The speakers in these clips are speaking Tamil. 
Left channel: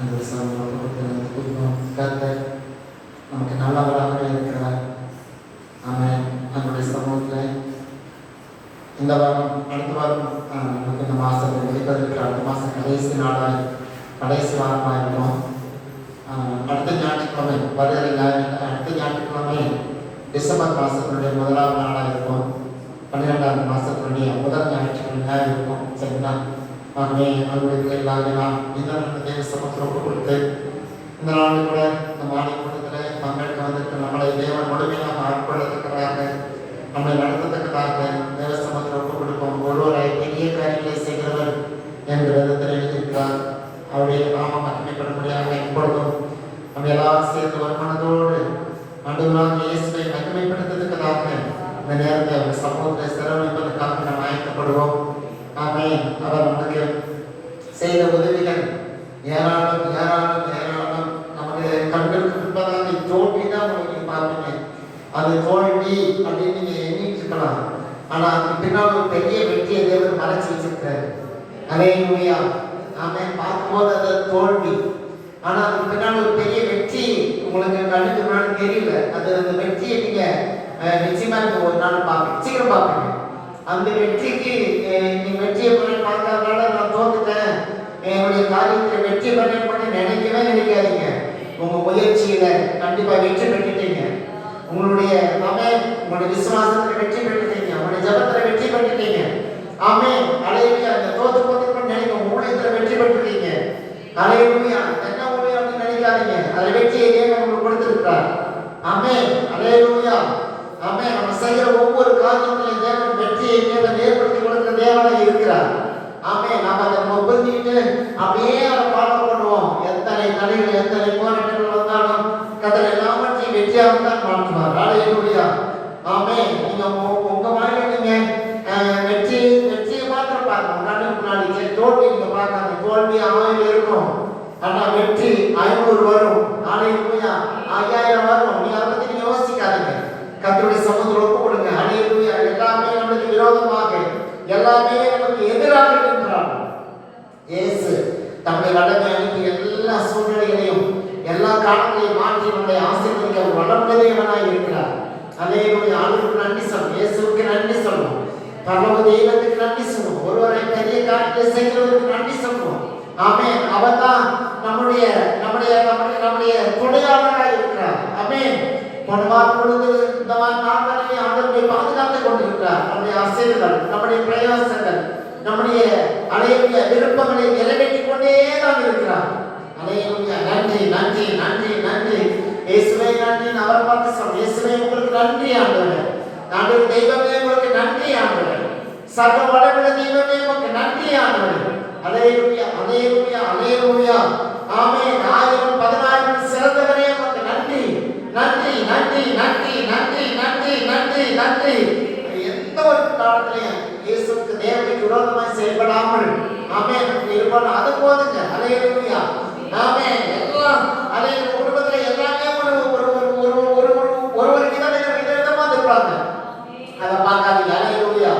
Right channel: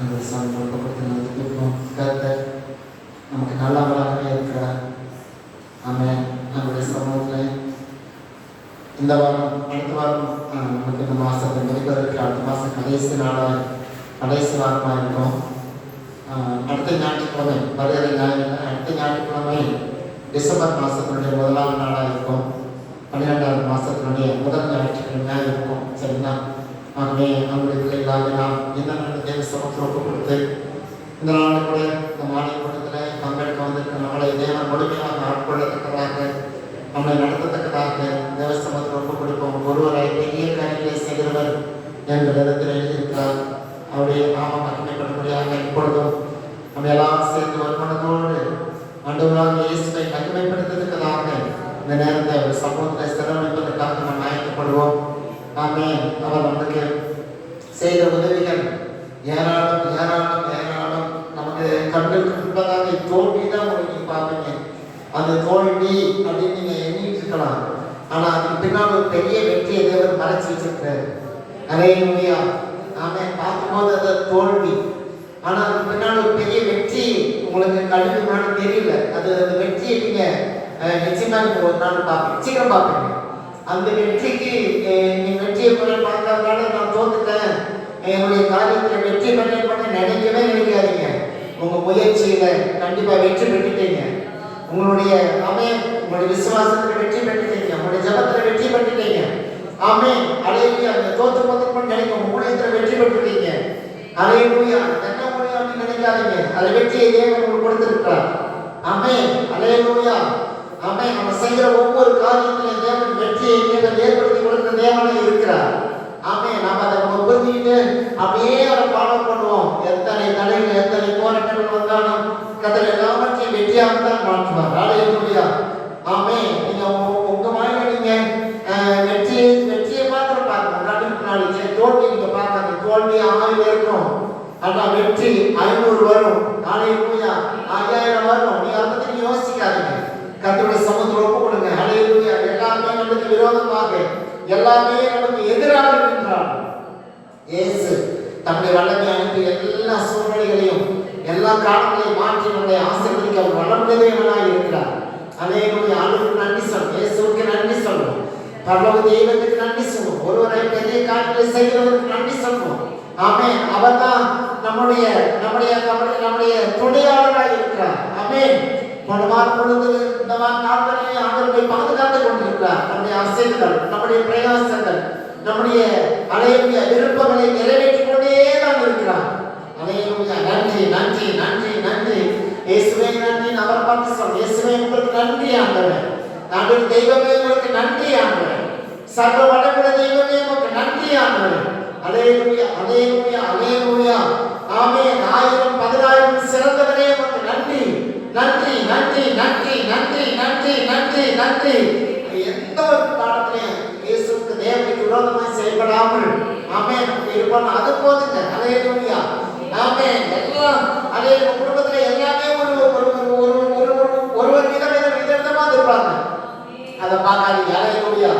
அந்த சமூகத்தை கர்த்தர் நமக்கு நல்லவராக இருக்கிறார். ஆமென். நம்முடைய சமூகத்தில் இந்த வாரம் அடுத்த வாரம் நமக்கு நம்ம ஆசை முடிப்பதற்கு அடுத்த மாதம் கடைசி வாரமாக இருக்கும். அடுத்த ஞாயிற்றுக்கிழமை அடுத்த ஞாயிற்றுக்கிழமை டிசம்பர் மாதத்தினுடைய 1ஆம் நாளாக இருக்கும். 12ஆம் மாதத்தினுடைய முதல் ஞாயிற்றுக்கிழமையாக இருக்கும். சரிங்களா? ஆகவே அவங்களுக்கு எல்லாம் இந்த தேவ சமூகத்தில் ஒப்பு கொடுத்து இந்த நாள் கூட நம்ம ஆணையக்கூடத்தில் பங்கெடுக்க வந்திருக்க நம்மளை தேவன் முழுமையாக ஆட்கொள்ளத்தக்கதாக நம்மளை நடத்தத்தக்கதாக தேவ சமூகத்தில் ஒப்பு கொடுப்போம். ஒருவரை பெரிய காரியங்களை செய்கிறவர் என்ற விதத்தில் எழுதியிருக்கிறார். அவருடைய நாமம் மகிமைப்படும்படியாக இப்பொழுதும் நம்ம எல்லாம் சேர்ந்து வருமானத்தோடு ஆண்டவராக இயேசுவை மகிமைப்படுத்துவதற்காக இந்த நேரத்தை அவர் சமூகத்தை செலவழிப்பதற்காக நாம் அழைக்கப்படுவோம். ஆமென். அவர் நமக்கு செய்த உதவிகள் ஏராளம் ஏராளம் ஏராளம். நமக்கு கண்களுக்கு முன்பதாக தோல்விதான் உங்களுக்கு பார்ப்பீங்க. அது தோல்வி அப்படின்னு நீங்க எண்ணிட்டு இருக்கலாம். ஆனா அதுக்கு பின்னால் ஒரு பெரிய வெற்றியை தேவன் மறைச்சு வச்சிருக்கிறார். அல்லேலூயா. ஆமென். பார்க்கும்போது அது தோல்வி, ஆனா அதுக்கு பின்னால் ஒரு பெரிய வெற்றி உங்களுக்கு கண்ணுக்கு முன்னாடி தெரியல. அது அந்த வெற்றியை நீங்க நிச்சயமா ஒரு நாள் பார்ப்பீங்க, சீக்கிரம் பார்ப்பீங்க. அந்த வெற்றிக்கு நீ வெற்றியை போய் பார்க்கறதுனால நான் தோத்துட்டேன், என்னுடைய காரியத்தில் வெற்றி பண்ணி நினைக்கவே நினைக்காதீங்க. உங்க முயற்சியில கண்டிப்பா வெற்றி பெற்றுட்டீங்க. உங்களுடைய உங்களுடைய விசுவாசத்துல வெற்றி பெற்றுட்டீங்க. உங்களுடைய ஜபத்துல வெற்றி பெற்றுட்டீங்க. அல்லேலூயா. அந்த தோத்து போதுன்னு நினைக்க ஊழியத்துல வெற்றி பெற்றுட்டீங்க. அல்லேலூயா. என்ன ஊழியம் அப்படின்னு நினைக்காதீங்க. அந்த வெற்றியை தேவன் உங்களுக்கு கொடுத்திருக்கிறார். அல்லேலூயா. நம்ம செய்கிற ஒவ்வொரு காரியத்திலையும் தேவன் வெற்றியை தேவன் ஏற்படுத்தி கொடுக்கிற தேவனாக இருக்கிறார். நாம அதை புரிஞ்சுக்கிட்டு அப்படியே அவரை ஃபாலோ பண்ணுவோம். எத்தனை தடைகள் எத்தனை போராட்டங்கள் வந்தாலும் கர்த்தர் எல்லாவற்றையும் வெற்றியாக தான் மாற்றுவார். அல்லேலூயா. நீங்க உங்க வாழ்க்கையில நீங்க வெற்றியை மாத்திரம் பாருங்க. முன்னாடி தோல்வி நீங்க பார்க்காது. தோல்வி 1000 இருக்கும், ஆனா வெற்றி 500 வரும். அல்லேலூயா. 5000 வரும். நீங்க அதை பத்தி யோசிக்காதீங்க. கர்த்தருடைய சமூகத்தில் ஒப்பு கொடுங்க. அல்லேலூயா. எல்லாமே நமக்கு விரோதமாக, எல்லாமே நமக்கு எதிராக இருக்கின்றார். இயேசு தம்முடைய வல்லமை அனுப்பி எல்லா சூழ்நிலைகளையும் எல்லா காரணங்களையும் மாற்றி நம்முடைய ஆசீர்வதிக்க வளர்ந்தவனாக இருக்கிறார். அல்லேலூயா. ஆண்டவருக்கு நன்றி சொல்லுவோம். இயேசுவுக்கு நன்றி சொல்லுவோம். பரலோக தெய்வத்துக்கு நன்றி சொல்லுவோம். ஒருவரை பெரிய காரியத்தை செய்கிறவருக்கு நன்றி சொல்லுவோம். அவர்தான் நம்முடைய நம்முடைய நம்முடைய நம்முடைய துணையாளராக இருக்கிறார். பொழுது இந்த நாட்களிலே ஆண்டவரை பாதுகாத்துக் கொண்டிருக்கிறார். நம்முடைய அசைவுகள், நம்முடைய பிரயாசங்கள், நம்முடைய அலைய விருப்பங்களை நிறைவேற்றிக் கொண்டே தான் இருக்கிறார். அல்லேலூயா. நன்றி நன்றி நன்றி நன்றி இயேசுவே நன்றி. அவரை பார்த்து சொல்லுங்க, இயேசுவே உங்களுக்கு நன்றி ஆண்டவரே. ஆண்டவர் தெய்வமே உங்களுக்கு நன்றி ஆண்டவரே. சர்வ வல்லமையுள்ள தெய்வமே உங்களுக்கு நன்றி ஆண்டவரே. அல்லேலூயா அல்லேலூயா அல்லேலூயா. 1000 10000 சிறந்தவரே உங்களுக்கு நன்றி நன்றி நன்றி நன்றி நன்றி நன்றி நன்றி நன்றி. எந்த ஒரு காலத்திலையும் இயேசுவுக்கு தேவனுக்கு விரோதமாய் செயல்படாமல் இருப்போம். அது போதுங்க. அல்லேலூயா. எல்லாம் அல்லேலூயா. குடும்பத்துல எல்லாமே ஒரு விதமா இருப்பாங்க. அதை பார்க்காதீங்க. அல்லேலூயா.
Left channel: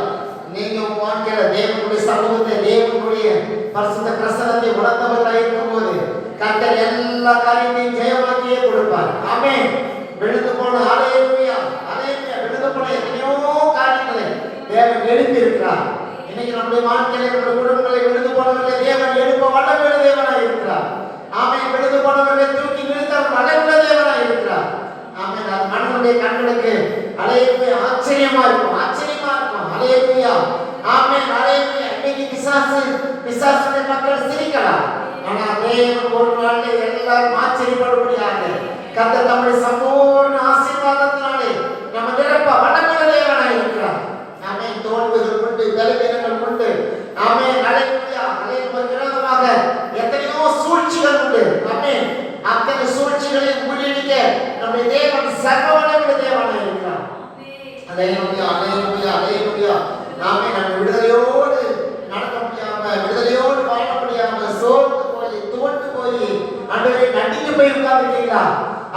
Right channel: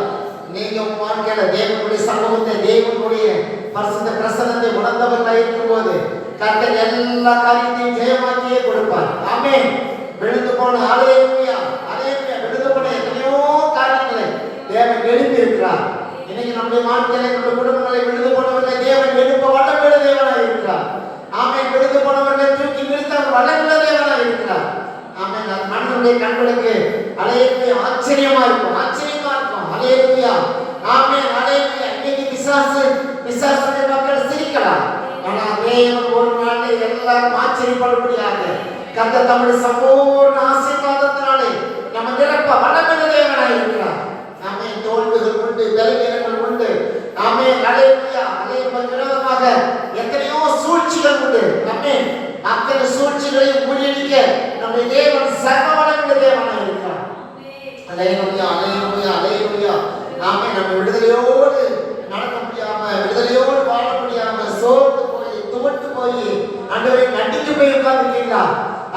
நீங்க வாழ்க்கையில தேவனுடைய சமூகத்தை, தேவனுடைய பரிசுத்த பிரசன்னத்தை உணர்ந்தவர்களாக இருக்கும்போது கர்த்தர் எல்லா காரியத்தையும் ஜெயமாக்கியே கொடுப்பார். விழுந்து போன அல்லேலூயா அல்லேலூயா விழுந்து போன எத்தனையோ காரியங்களை தேவன் எழுப்பி இருக்கிறார். இன்னைக்கு நம்முடைய வாழ்க்கையில நம்முடைய குடும்பங்களை விழுந்து போனவர்களை தேவன் எழுப்ப வல்லமையுள்ள தேவனாக இருக்கிறார். விழுந்து போனவர்களை தூக்கி நிறுத்த வல்லமையுள்ள தேவனாக இருக்கிறார். அது மனிதனுடைய கண்களுக்கு அல்லேலூயா ஆச்சரியமா இருக்கும், ஆச்சரியமா இருக்கும். அல்லேலூயா அல்லேலூயா. இன்னைக்கு பிசாசுடைய மக்கள் சிரிக்கலாம், ஆனா தேவன் ஒரு நாளில் எல்லாரும் ஆச்சரியப்படும்படியாக கர்த்தர் தம்முடைய சம்பூர்ண ஆசீர்வாதத்தினாலே நம்ம நிரப்ப வல்லமையுள்ள தேவனாக இருக்கிறார். தோல்விகள் உண்டு, பலவீனங்கள் உண்டு. அல்லேலூயா அல்லேலூயா. விரோதமாக எத்தனையோ சூழ்ச்சிகள் உண்டு. அத்தனை சூழ்ச்சிகளையும் முறியடிக்க நம்முடைய தேவன் சர்வ வல்லமையுள்ள தேவனாக இருக்கிறார். அல்லேலூயா அல்லேலூயா அல்லேலூயா. நம்ம விடுதலையோடு நடக்க முடியாம, விடுதலையோடு வாழ முடியாம சோர்ந்து போய் துவண்டு போய் ஆண்டவரை நடிக்க போய் உட்கார்ந்துட்டீங்களா?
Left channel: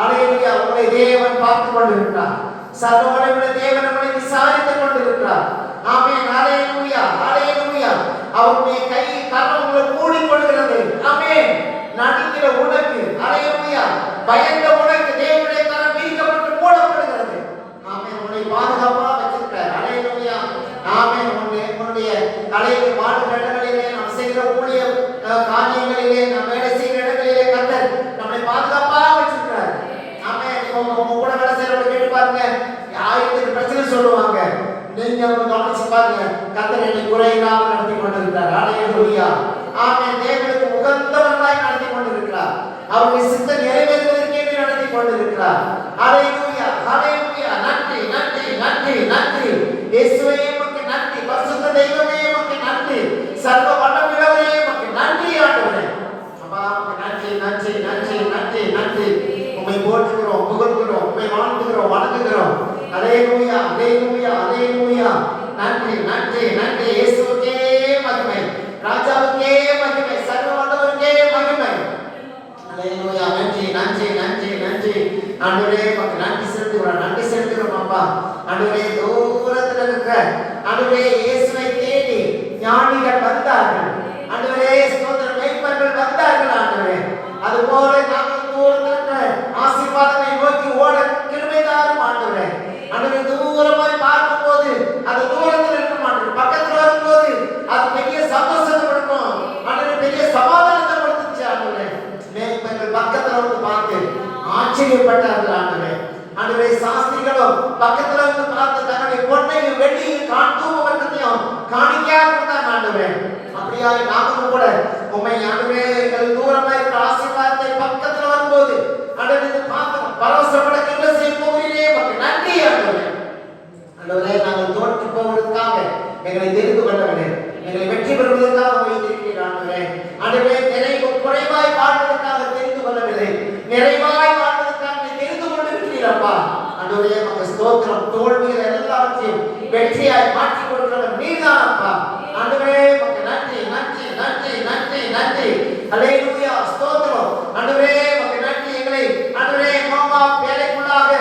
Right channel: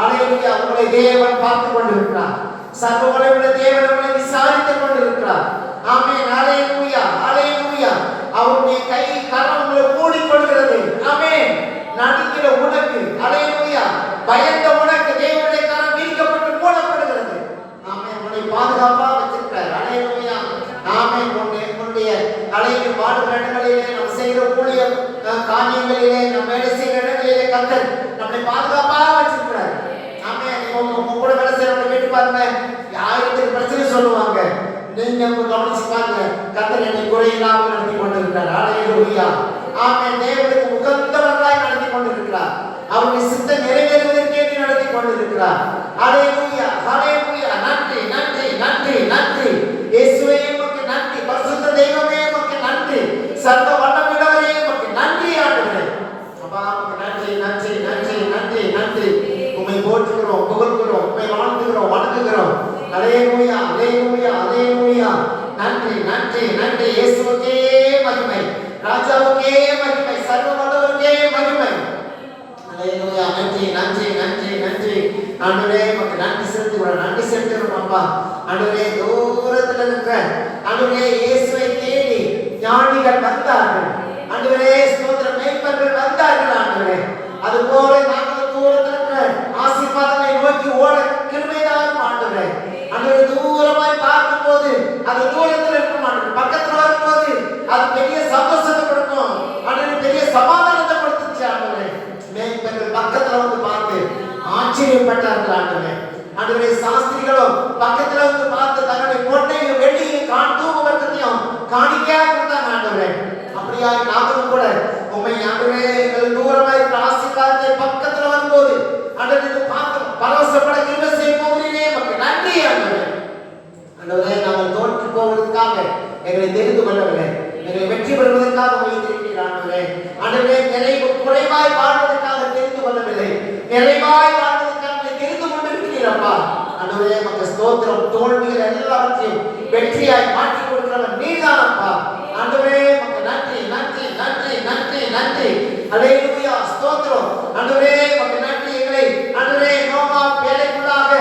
அல்லேலூயா. உங்களை தேவன் பார்த்து கொண்டிருக்கிறார். சர்வ வல்லமையுள்ள தேவன் உங்களை விசாரித்துக் கொண்டிருக்கிறார். அல்லேலூயா அல்லேலூயா. அவருடைய கை கரம் உங்களை மூடிக்கொள்கிறது. இருக்கு. அல்லேலூயா. பயந்த உனக்கு தேவனுடைய கரம் விரிக்கப்பட்டு போடப்படுகிறது. ஆமென். உன்னை பாதுகாப்பா வச்சிருக்கிறார். அல்லேலூயா. ஆமென். உன்னுடைய தலையை பாடுகிற இடங்களிலே நாம் செய்கிற ஊழிய காரியங்களிலே நாம் வேலை செய்கிற இடங்களிலே கர்த்தர் நம்மை பாதுகாப்பா வச்சிருக்கிறார். ஆமென். இப்போ கூட வேலை செய்யறவங்க கேட்டு பாருங்க, ஆயிரத்துக்கு பிரச்சனை சொல்லுவாங்க. நீங்க கவனிச்சு பாருங்க, கர்த்தர் என்னை குறையில்லாமல் நடத்தி கொண்டிருக்கிறார். அல்லேலூயா. ஆமென். தேவனுக்கு உகந்தவராய் நடத்தி கொண்டிருக்கிறார். அவருடைய சித்தம் நிறைவேறுவதற்கே நடத்தி கொண்டிருக்கிறார். அல்லேலூயா. அல்லேலூயா. நன்றி நன்றி நன்றி நன்றி இயேசுவே, உமக்கு நன்றி. பரிசுத்த தெய்வமே, உமக்கு நன்றி. சர்வ வல்லமையுள்ளவரே, உமக்கு நன்றி ஆண்டவரே. அப்பா, உமக்கு நன்றி நன்றி நன்றி நன்றி நன்றி. உம்மை போற்றுகிறோம், புகழ்கிறோம், உம்மை வாழ்த்துகிறோம், வணங்குகிறோம். அல்லேலூயா அல்லேலூயா அல்லேலூயா. நன்றி நன்றி நன்றி. இயேசுவுக்கே மகிமை, ராஜாவுக்கே மகிமை, சர்வ வல்லவருக்கே மகிமை. அல்லேலூயா. நன்றி நன்றி நன்றி நன்றி ஆண்டவரே, உமக்கு நன்றி செலுத்துகிறோம், நன்றி செலுத்துகிறோம் அப்பா. ஆண்டவரே, தூரத்தில் இருக்கிற ஆண்டவரே, இயேசுவை தேடி ஞானிகள் வந்தார்கள். ஆண்டவரே, ஸ்தோத்திரம், மேய்ப்பர்கள் வந்தார்கள். ஆண்டவரே, அதுபோல நாங்கள் தூரத்தில் இருக்கிற ஆசீர்வாதத்தை நோக்கி ஓட கிருபை தாரும் ஆண்டவரே. ஆண்டவரே, தூரமாய் பார்க்கும்போது அது தூரத்தில் இருக்கும் ஆண்டவரே, பக்கத்தில் வரும்போது அது பெரிய சந்தோஷத்தை கொடுக்கும் ஆண்டவரே, பெரிய சமாதானத்தை கொடுத்துச்சு ஆண்டவரே. மேய்ப்பர்கள் பக்கத்தில் வந்து பார்த்து ஆச்சரியப்பட்டார்கள் ஆண்டவரே. ஆண்டவரே, சாஸ்திரிகளும் பக்கத்துல வந்து பார்த்து தன்னுடைய பொன்னையும் வெள்ளியும் தூபத்தையும் காணிக்கையா கொண்டாங்க ஆண்டவரே. அப்படியா நாங்களும் கூட உண்மை ஆண்டவரே, எங்கள் தூரமா இருக்கிற ஆசீர்வாதத்தை பக்கத்துல வரும்போது ஆண்டவரே பார்த்து பரவசப்பட கிருபை செய்ய போகிறீரே, உமக்கு நன்றி ஆண்டவரே. ஆண்டவரே, நாங்கள் தோற்று போவதற்காக எங்களை தெரிந்து கொண்டவரே, எங்களை வெற்றி பெறுவதற்காக வைத்திருக்கிறீர் ஆண்டவரே. ஆண்டவரே, குறைவாய் வாழ்வதற்காக தெரிந்து கொள்ளவில்லை, நிறைவாய் வாழ்வதற்காக தெரிந்து கொண்டிருக்கிறீரப்பா. ஆண்டவரே, உமக்கு ஸ்தோத்திரம். தோல்விகள் எல்லாவற்றையும் வெற்றியாய் மாற்றி கொடுக்கிறவர் நீர்தானப்பா. ஆண்டவரே, உமக்கு நன்றி நன்றி நன்றி நன்றி நன்றி. அல்லேலூயா. ஸ்தோத்திரம். ஆண்டவரே, உமக்கு நன்றி. எங்களை ஆண்டவரே நோமா வேலைக்குள்ளாக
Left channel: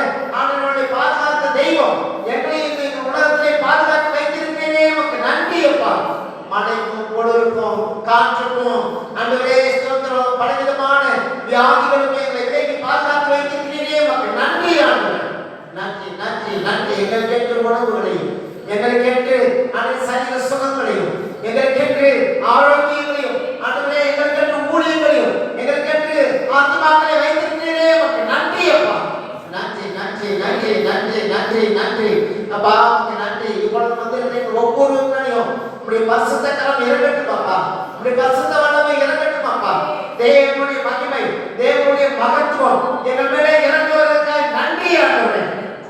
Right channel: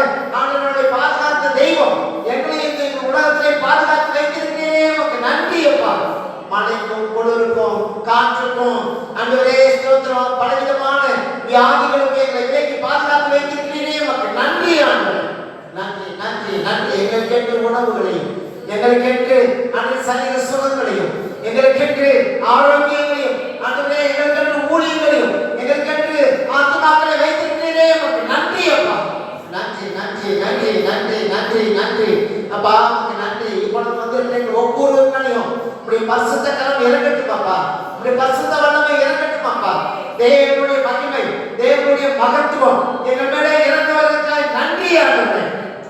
ஆண்டவருடைய பாதுகாத்த தெய்வம் எங்களை இந்த உலகத்திலே பாதுகாத்து வைத்திருக்கிறீரே, உமக்கு நன்றி அப்பா. மழைக்கும் குளிருக்கும் காற்றுக்கும் ஆண்டவரே ஸ்தோத்திரம், பலவிதமான வியாதிகளுக்கும் எங்களை விலக்கி பாதுகாத்து வைத்திருக்கிறீரே, உமக்கு நன்றி ஆண்டவரே. நன்றி நன்றி நன்றி. எங்களுக்கு ஏற்ற உணவுகளையும், எங்களுக்கு ஏற்ற அனைத்து சரீர சுகங்களையும், எங்களுக்கு ஏற்ற ஆரோக்கியங்களையும், ஆண்டவரே எங்களுக்கு ஏற்ற ஊழியங்களையும், எங்களுக்கு ஏற்ற ஆத்துமாக்களை வைத்திருக்கிறீரே, உமக்கு நன்றி அப்பா. நன்றி நன்றி நன்றி நன்றி நன்றி நன்றி அப்பா, உமக்கு நன்றி. இப்பொழுது வந்து ஒவ்வொருவரையும் இப்படி பரிசுத்த கரம் இறங்கட்டும் அப்பா, இப்படி பரிசுத்த வல்லமை இறங்கட்டும் அப்பா. தேவனுடைய மகிமை, தேவனுடைய மகத்துவம் எங்கள் மேலே இறங்குவதற்காக நன்றி ஆண்டவரே.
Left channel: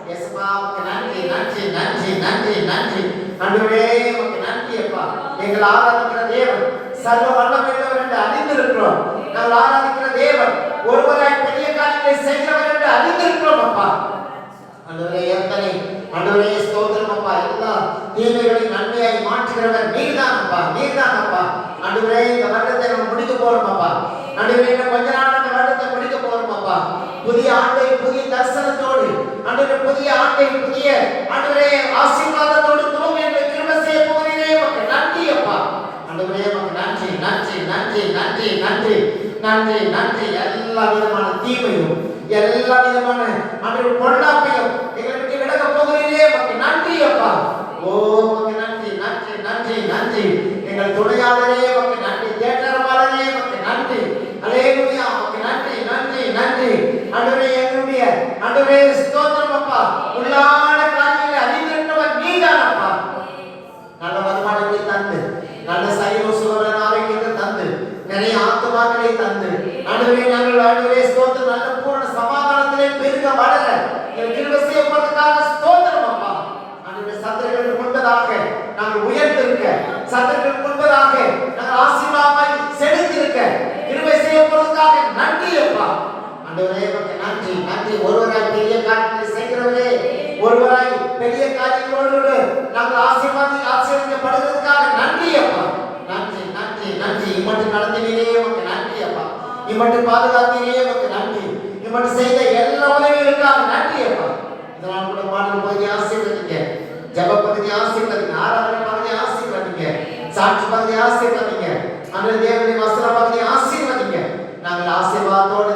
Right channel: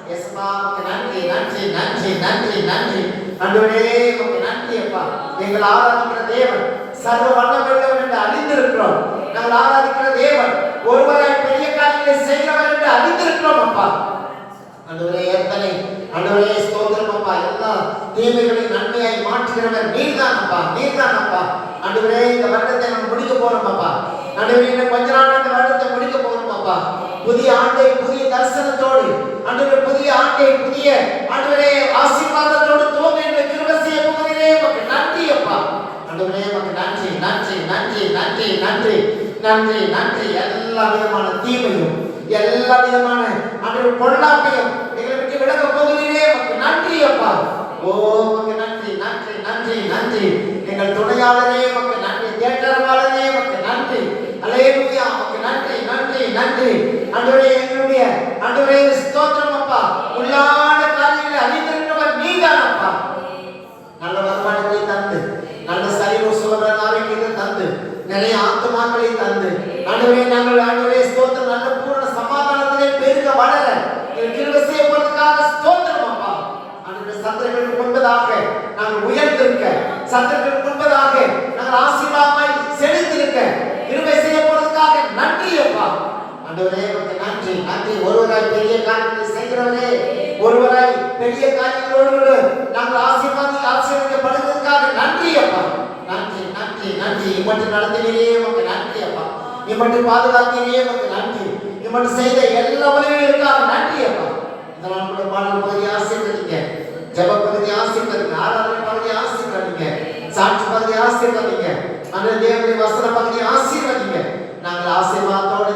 இயேசுவா, உமக்கு நன்றி நன்றி நன்றி நன்றி நன்றி ஆண்டவரே, உமக்கு நன்றி அப்பா. எங்கள் ஆராதிக்கிற தேவன் சர்வ வல்லமையுள்ளவர் என்று அறிந்திருக்கிறோம். நாங்கள் ஆராதிக்கிற தேவன் ஒருவராய் பெரிய காரியங்களை செய்கிறவர் என்று அறிந்திருக்கிறோம் அப்பா. ஆண்டவரே, எத்தனை ஆண்டவரே ஸ்தோத்திரம் அப்பா. எல்லா தீமைகளையும் நன்மையாய் மாற்றுகிறவர் நீர்தான் அப்பா, நீர்தான் அப்பா. ஆண்டவரே, இந்த வருடத்தை நம்ம முடிக்க போறோம் அப்பா. ஆண்டவரே, இன்னும் கொஞ்ச நாள் இந்த வருடத்தை முடிக்க போறோம் அப்பா. புதிய ஆண்டை புதிய தரிசனத்தோடு ஆண்டவரே, புதிய ஆண்டை புதிய ஆண்டவரே ஆசீர்வாதத்தோடு துவங்க என்று கிருபை செய்ய போகிறீரே, உமக்கு நன்றி அப்பா. ஆண்டவரே, உமக்கு நன்றி நன்றி நன்றி நன்றி நன்றி நன்றி நன்றி. எல்லா விதமான தீமையும், எல்லா விதமான ஆண்டவரே பொல்லாப்பையும் எங்களை விட்டு விலக போகிறீரே, உமக்கு நன்றி அப்பா. ஓ, உமக்கு நன்றி நன்றி நன்றி நன்றி. எங்கள் துணையாளரே உமக்கு நன்றி, தேற்றரவாளரே உமக்கு நன்றி. அல்லேலூயா. உமக்கு நன்றி நன்றி நன்றி. ஆண்டவரே, எங்களுடைய ஆண்டவரே ஸ்தோத்திரம் அப்பா. உள்ளான காரியங்களை அறிந்திருக்கிறவர் நீதான் அப்பா. நல்ல வருமானங்களை தந்து, நல்ல சரீர சுகபலன் ஆரோக்கியத்தை தந்து, நிறைய ஆத்துமாக்களை தந்து ஆண்டவரே, நாங்கள் ஆண்டவரே ஸ்தோத்திரம், நல்ல பூரண சமாதானத்திலே பெருக வளர கிருபை செய்ய போவதற்காக ஸ்தோத்திரம் அப்பா. ஆண்டவரே, சத்துருக்களுக்கு முன்பதாக நாங்கள் உயர்ந்திருக்க, சத்துருக்களுக்கு முன்பதாக நாங்கள் ஆசீர்வாதமாய் செழித்திருக்க கிருபை செய்ய போவதற்காக நன்றி அப்பா. ஆண்டவரே, உமக்கு நன்றி நன்றி. ஒருவராய் பெரிய காரியங்களை செய்கிறவரே, ஒருவராய் பெரிய காரியங்களோடு நாங்கள் ஆசீர்வதிக்கப்படுவதற்காக நன்றி அப்பா. நன்றி நன்றி நன்றி. இம்மட்டு நடத்தினீரே, உமக்கு நன்றி அப்பா. இம்மட்டு பாதுகாத்தீரே, உமக்கு நன்றி. இம்மட்டு செய்த எல்லா உதவிகளுக்காக நன்றி அப்பா. இதெல்லாம் கூட பாடல் பகுதி ஆசீர்வதிங்க, ஜெப பகுதி ஆசீர்வதிங்க, ஆராதனை பகுதி ஆசீர்வதிங்க, சாட்சி பகுதி ஆசீர்வதிங்க, அந்த தேவனுடைய வசன பகுதி ஆசீர்வதிங்க. நாங்கள் ஆசீர்வாதத்தோடு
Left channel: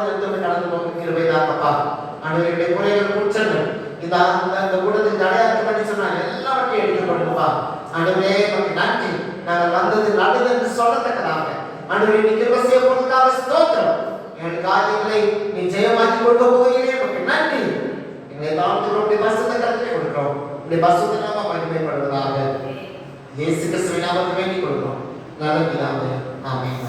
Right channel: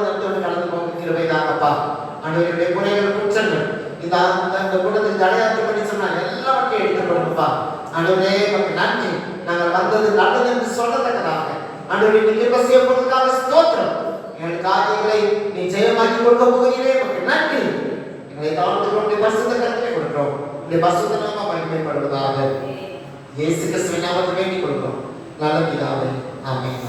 உடைய பரிசுத்த நாமம் மகிமைப்படுவதாக. இயேசு கிறிஸ்துவின் நாமத்தில் வேண்டிக் கொள்கிறோம் நல்ல பிதாவே, ஆமென்.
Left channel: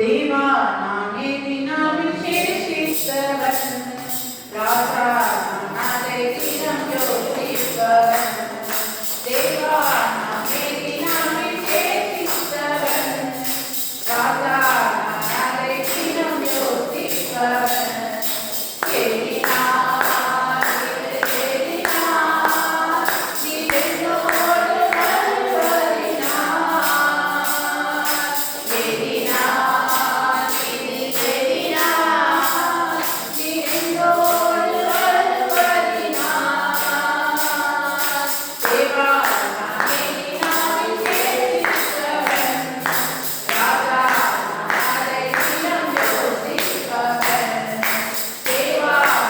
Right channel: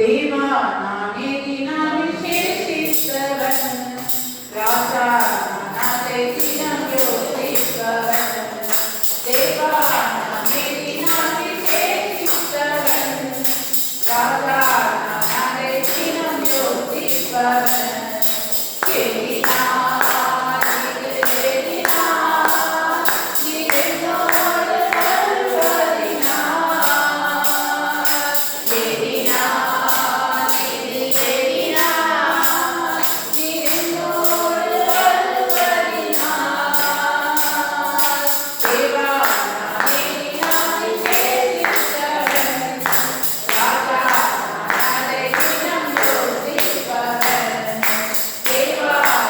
देवा नामे दीना विशेषितवन राजा नादे दीना ज्योतिष्वन देवा नामे दीना विशेषितवन राजा नादे दीना ज्योतिष्वन Deva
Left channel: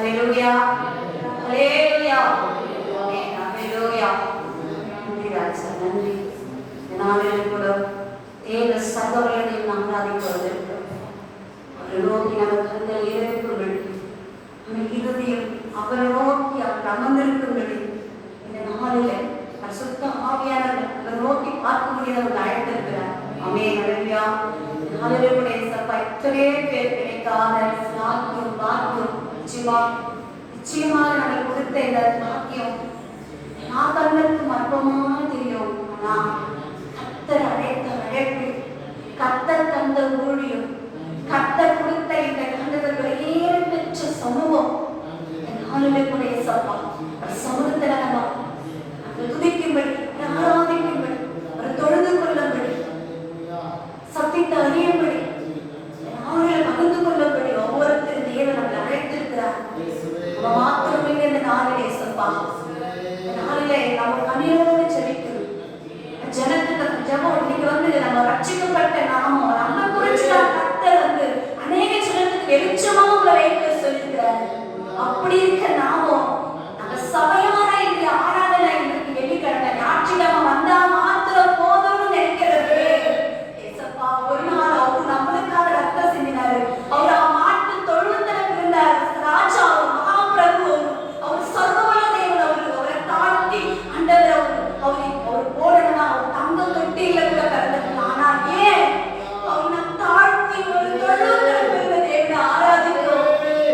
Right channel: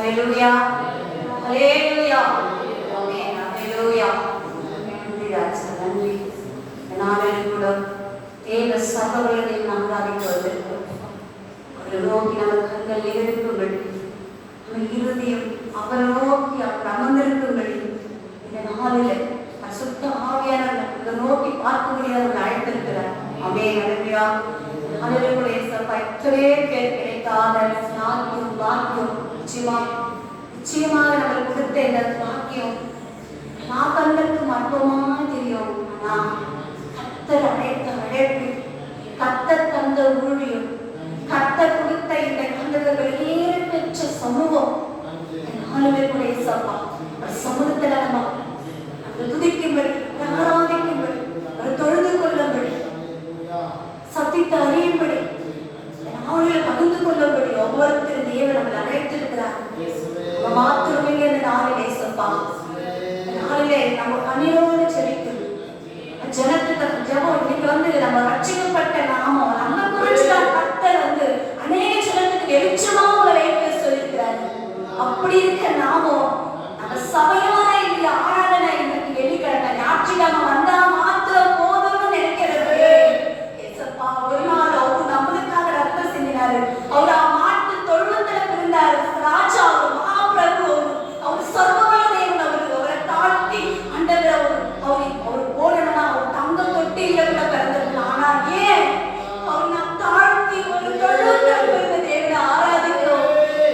ஹல்லேலூயா, ஹல்லேலூயா, ஆமென், ஹல்லேலூயா. நன்றி ராஜா, நன்றி. இந்த நாளில் கூட தேவ சர்வவல்லமையை நாம் ஆராதிப்பதற்கு அவரை நோக்கி நம்ம கண்கள் இருக்கும்படி, நம்ம இருதயம் அவரை நோக்கி அவர் அமர்ந்திருக்கும்படி இந்த நாளில் பரிசுத்த ஆவியானவர் அவரை நோக்கி பார்க்கும்படியாக அவர் அழைத்திருக்கிறார். ஆமென், ஹல்லேலூயா. நாளிலே சப்பா எத்தனை பேர் கிடைக்காத பாக்கியம் நிச்சயமாக நம்ம கொடுத்த இந்த பாக்கியம் நான் கண்களுக்கு அற்பமா தெரியும். ஆனா கர்த்தர் அழைத்த அழைப்பு, கர்த்தர் தந்த ஊழியம், கர்த்தர் கொடுத்த இந்த கண்ணுகளை பெற்ற சமூகம் நாளிலே சப்பா சமூகத்தில் நம்ம துதிக்கும்படி, ஆராதிக்கும்படி, தொழுது கொள்ளும்படி, சத்தியத்தை அறியும்படி, அவர்களை பகிர்ந்து கொள்ளும்படி ஒவ்வொருத்தரும் தேவன் நம்மளை அழைத்திருக்கிறார். நம்ம மாத்திரமே அந்த நாளிலே சப்பா நாளிலே நம்ம கண்ணீரோடு செபிக்கணும். ஜனத்துக்கு ஜபம் இன்னைக்கு வந்து நம்ம ரட்சிக்கப்பட்ட நாமம் நம்ம குறிச்சு கர்த்தர் வந்து அநேக ஜனத்துக்கு வெளிச்சமா உங்களை வைத்து சொல்லியிருக்கிறார். அப்படி இருக்க நாமம் அந்த சபையான இந்த ஆராதனை இன்னைக்கு வெளிக்கிழமை ஞாயிற்றுக்கிழமை வந்தா மாத்திரம் போதும்னு நினைக்கிறது. ஏசப்பா ஒரு நாள் அவரு நம்மளுக்காக ரத்தம் சிந்தினாரு. அவர் மாட்டு தொழுவத்துல இருந்தார். ராஜா மகாபிரபு அவர் சர்வவல்ல தேவன். அவரை தாழ்த்தி அண்டவர் அவர் போடணும்னா அவர் தங்க தொட்டியில கூட பிறந்திருக்கலாம். ஆனா ஏன் அவர் நாம் தாழ்த்தி ஒரு தொழுவத்துல இருந்த தேவனை ஆராதிக்கிறோம்.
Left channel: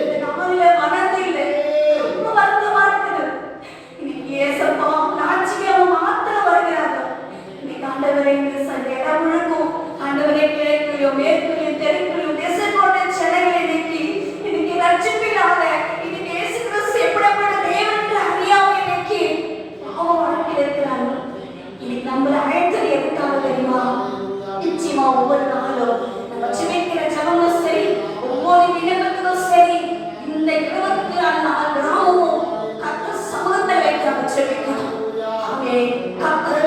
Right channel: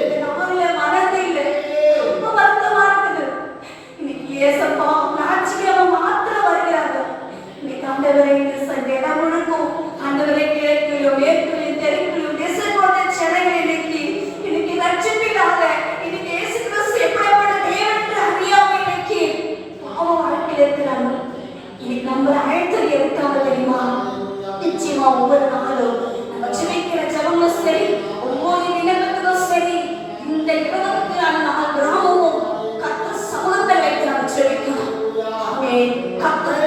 இந்த நாளில மனதில் ரொம்ப வருத்தமா இருக்குது. இன்னைக்கு ஏசப்பா ஞாயிற்றுக்கிழமை மாத்திரம் வருகிறார்கள். இன்னைக்கு ஆண்டவரை இடம் முழுக்கும் ஆண்டவரை கிழக்கிலும் மேற்கிலும் தெற்கிலும் தேசத்தோட சென்னையில் இன்னைக்கு ரட்சிப்பில்லாத இன்னைக்கு இயேசு கிறிஸ்து எப்படிப்பட்ட தேவன் என்று அறியாமல் இன்னைக்கு அவன் வாழ்க்கையில் இருக்கிறார்கள். இன்னைக்கு நம்மளை அழைத்தது எதுக்காக தெரியுமா? நிச்சயமா ஒவ்வொரு நாளும் நம்ம ஜெபிக்கிற ஜபமும் சரி, ஒவ்வொரு தினமும் சரி, இந்த 24 நாள் கிராமமும் கர்த்தர் சமூகத்தை வைத்து நம்ம ஜெபிக்கணும். ஆமென். கர்த்தர்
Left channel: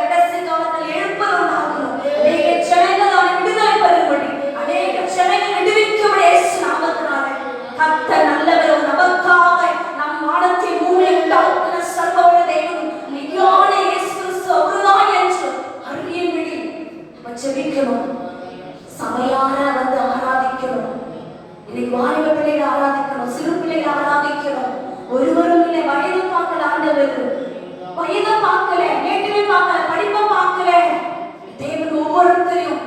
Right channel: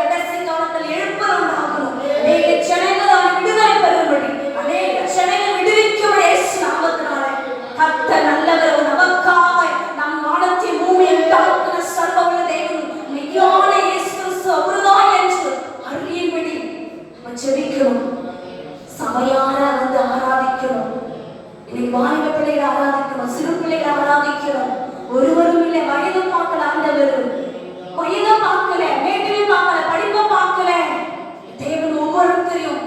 கடைசி காலத்தில் எழுப்பதுண்டாகணும். அநேக ஜனங்களால் விடுதலை பெறும்படி, அநேக ஜனங்கள் விடுவிக்கும்படி இயேசு நாமத்தினால கர்த்தர் நல்லவர். நமக்காக நம் வானத்தின் பூமியில் தாக்கின சர்வவல்ல தேவன் மெய்யான இயேசு கிறிஸ்து அவர்தான் என்று அறியும்படி நம்ம ஜெபிக்கணும். சபையார வந்து ஆராதிக்கணும். இன்னைக்கு வாலிப பிள்ளைகளை ஆராதிக்கணும், சிறு பிள்ளைகளை ஆராதிக்கணும். ஒருவரும் இல்லை, வயது பார்க்கல, ஆண்டவர் வயதை பார்க்கல, மேட்டிலையும் பார்க்கல, படிப்பை பார்க்கல. தேவன் ஒவ்வொருத்தரையும்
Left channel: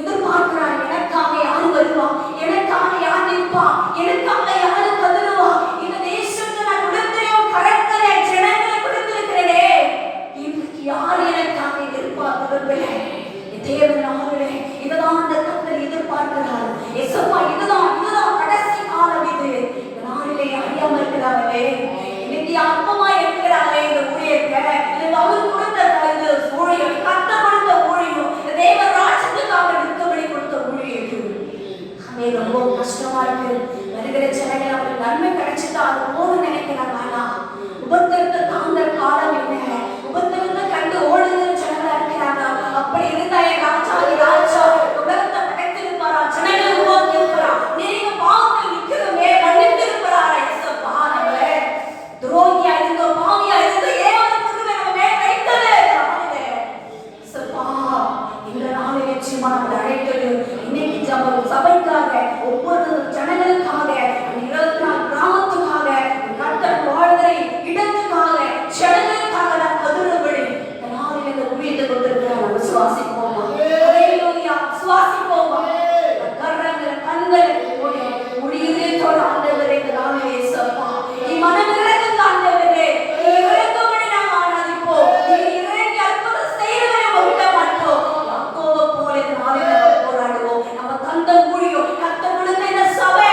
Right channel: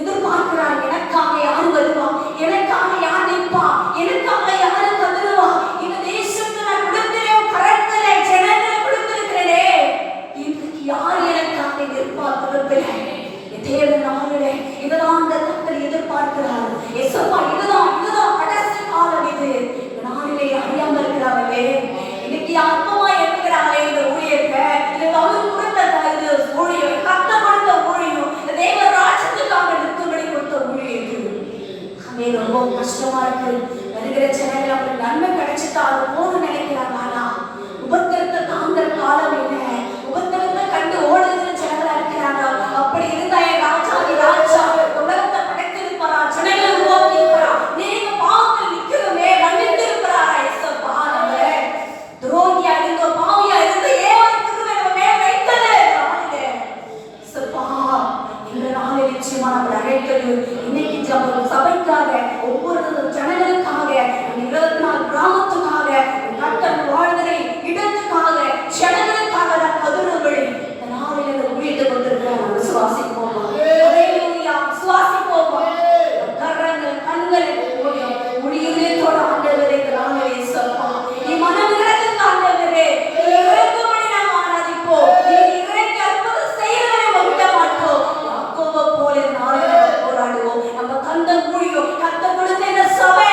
எதிர்பார்க்கிறார். எனக்காக யார் வருவா, எனக்காக யார் நிற்பா, எனக்காக யாரு கதறுவா. இந்த தேசத்தை நான் கொடுக்கிறேன், கரத்திலே ஜனங்களை கொடுத்திருக்கிறேனே, இன்னைக்கு யார் எனக்காக எதிர்பார்க்கிறதில்லை. தேவன் நாளிலே இதுதான் அந்த கர்த்தர் எதிர்பார்க்கிறார். ஏசப்பா இதுதான் கடைசி காலம். இது நாளிலே அறியாமல் இருக்கிறார்களே, இன்னைக்கு அப்பமா இருக்கிறாங்களே இந்த ஊழியத்தை, இல்லை அவர் கொடுத்த இது ஊழியம், கர்த்தர் கொடுத்த ஊழியம், தேவ ராஜ்யத்துக்காக நிற்கும்படி கொடுத்த ஊழியம். அது ரொம்ப கஷ்டமா இருக்கு. வருகிற ஜனங்கள் அவருக்கு நன்மை கிடைச்சிட்டா அது போதும் நினைக்கிறாங்க. ஆனா உபத்திரத்தை தாங்குற காலம் என்ன? உபத்திரத்தை கண்டு ஓடுகிற ஜனங்களா இருக்கிறாங்க. அப்படி இருந்தா என் ராஜா உலகத்தை படைத்திருப்பாரா, ஜனங்களை உருவாக்கி இருப்பாரா? நீங்க பாவத்தில் நிக்கிறோமே, மன்னித்து இருப்பாரா? ஏசப்பா நம்மளே துரோகியா இருந்தோ, பாவியா இருந்தோ, ஏன் திரும்ப நம்ம மேல வைத்தது நாளிலே ஏசப்பா இந்த நாளில் நிச்சயமா நம்ம அழைக்கிறது. இன்னைக்கு சபைக்காக, ஒவ்வொரு ஜனங்களுக்காக, 24 கிராமத்துக்காக, கர்த்தர் வாழ்கிற இடத்துக்காக, ஜனங்களுக்காக நான் கதறும்படி இந்த நாளில் இந்த ஊழியத்தை கொடுத்திருக்கிறேன். விசுவாசிப்போம், விசுவாசிப்போம். கரங்கள் கண்கள் முடியுதோட ஆண்டவரே இந்த நாளில் ஏசப்பா நீ மனம் இறங்குங்க. ஆண்டவரே இறங்கும்படி நாம் ஆராதிப்போம். நீ இறங்கி அற்புதம் செய்யவே விட மாட்டோம். யாக்கோபை போல இந்த நாளில் போராடுவோம். நம்ம தந்த ஊழியம், கர்த்தர் கொடுத்த இந்த சபை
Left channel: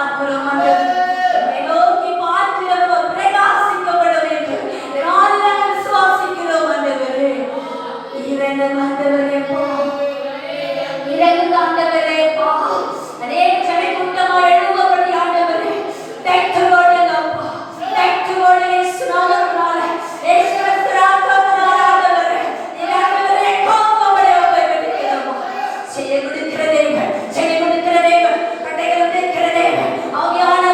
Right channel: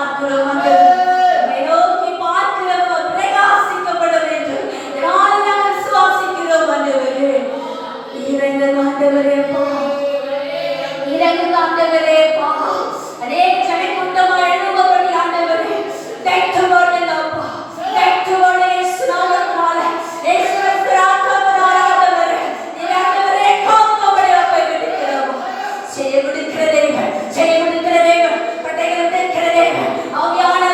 பார்க்கிறோம் ஆண்டவரே. நோக்கி பார்க்கிறோம் பிரகாசிக்கப்பட வேண்டும். இதனால் நாங்கள் விசுவாசிக்கிறோம் ஆண்டவரே. இறைவன் ஆண்டவரே இறங்கு ஆண்டவரே பா. அநேக ஜன கூட்டமாய் எழும்படி ஆண்டவரே. Thank you Lord அப்பா. Thank you Lord இயேசு நாமத்தினாலே. இயேசுவின் பிரார்த்தனையால் ஆண்டவரே. நீர் ஆண்டவரே காப்பவரே அப்பா இருக்கிறோம். செய்ய கொடுக்கிற தேவன், செய்ய கொடுக்கிற தேவன், கட்டைகள் உடைக்கிற தேவன், ஆவியான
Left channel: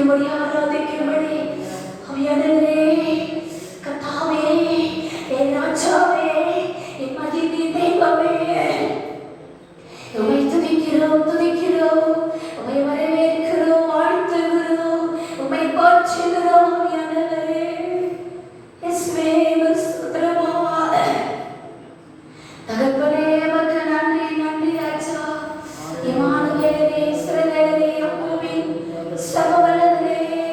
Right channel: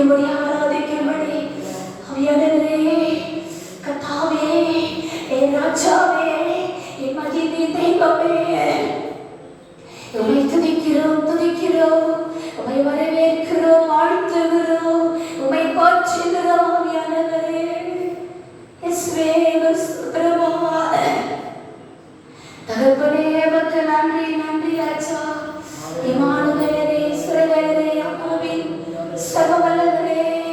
துதிக்கும்படி ஆராதிக்கும்படி அவையானவரே கர்த்தாவே என் ராஜாவே என் மகிமை தெய்வமே உம்மை துதிக்கிறோம் உம்மை வரவேற்கிறோம் வாழ்த்துகிறோம் உம்மை போற்றுகிறோம் அவையானவரே இயேசுவே ஸ்தோத்திரமா தகப்பனே உமக்கு நன்றி ராஜா இமானுவேலே இஸ்ரவேலே யாக்கோபின் சகோதரரே